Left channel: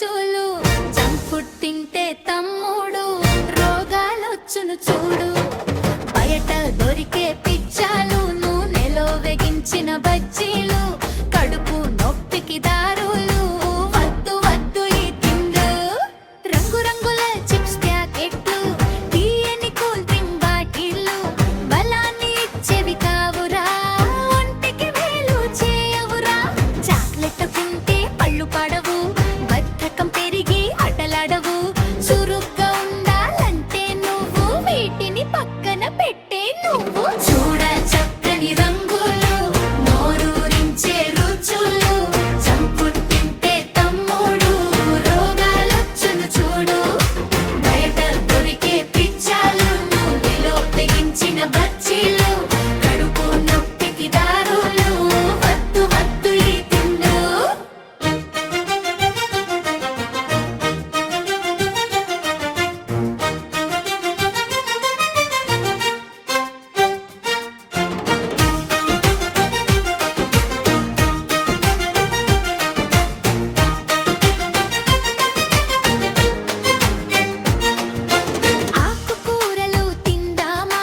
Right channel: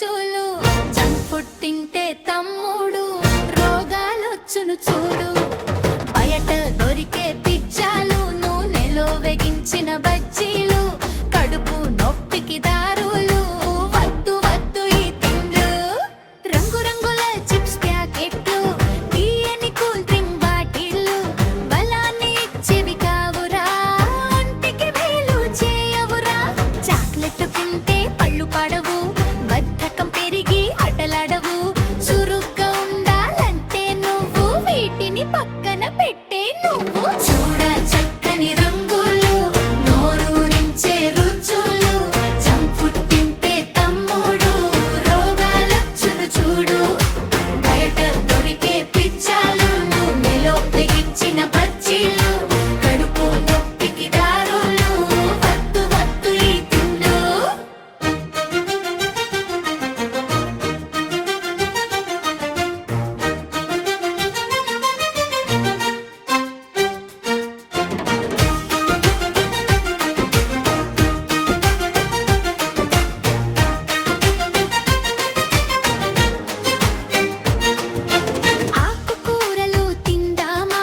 రుచులు. Junk food తింటే తమ్ముడు రోగాలొచ్చును చూడు. బయట దొరికే పిజ్జాలు, నూనెలో వేగించిన బజ్జీలు, కడుపు నొప్పికి దారులు. వద్దు వద్దు ఈ తిండ్లు. రంగురంగుల చిప్స్ ప్యాకెట్లు, తీయని కూల్ డ్రింక్ బాటిళ్ళు బలాన్ని ఇచ్చేవి కావురా, ఒంటికి మేలు చేయవురా. చాక్లెట్ తింటే పళ్ళు పడవు, బద్ధకం పెరిగి అటలాడవు. చురుగ్గా ఉండాలంటే నువ్వు వీటిని పక్కన పెట్టే నువ్వు. చూడ చక్కని రంగులు, నోరూరించే రుచులు. జంక్ ఫుడ్ తింటే తమ్ముడు రోగాలొచ్చును చూడు. బయట దొరికే పిజ్జాలు, నూనెలో వేగించిన బజ్జీలు, కడుపు నొప్పికి దారులు. వద్దు వద్దు ఈ తిండు. ఆకుకూరలు తిందామా,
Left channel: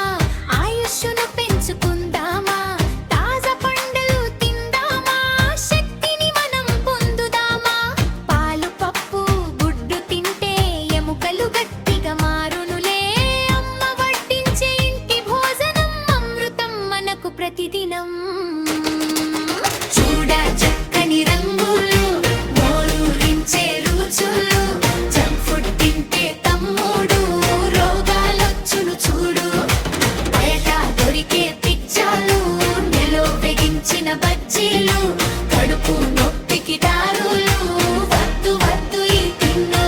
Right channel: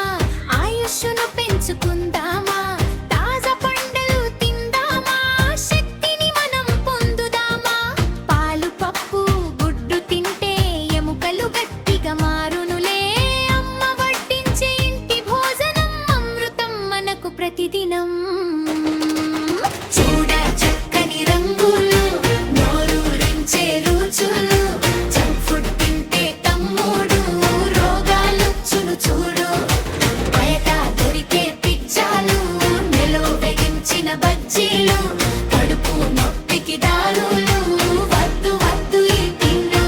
ఆయుష్ను పెంచుకుందామా. తాజా పండ్లు తిందామా, శక్తిని మనం పొందుదామా. పాలు, పప్పు, గుడ్డు తింటే ఎముకలు గట్టిగా మారునులే. అమ్మ వడ్డించే ఇంటి భోజనం అమృతం మనకు ప్రతిదినం. చూడ చక్కని రంగులు, నోరూరించే రుచులు. జంక్ ఫుడ్ తింటే తమ్ముడు రోగాలొచ్చును చూడు. బయట దొరికే పిజ్జాలు, నెలో వేగించిన బజ్జీలు, కడుపు నొప్పికి దారులు. వద్దు వద్దు ఈ తిన్ను.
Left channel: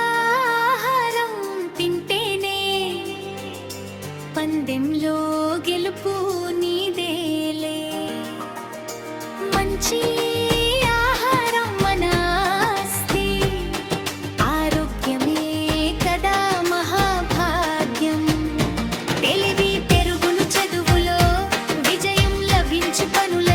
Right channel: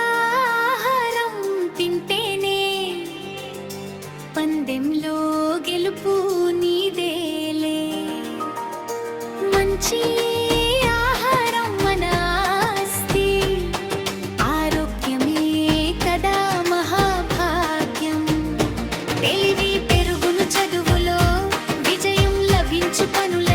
పోషకాహారం తింటేనే పందెంలో గెలుపు నీదేలే. మంచి ఆహారం మన ఆస్తి, ఆరోగ్యమే కదా మహాభాగ్యం. తెలివి పెరుగును చదువులో, విజయం లభించు పనుల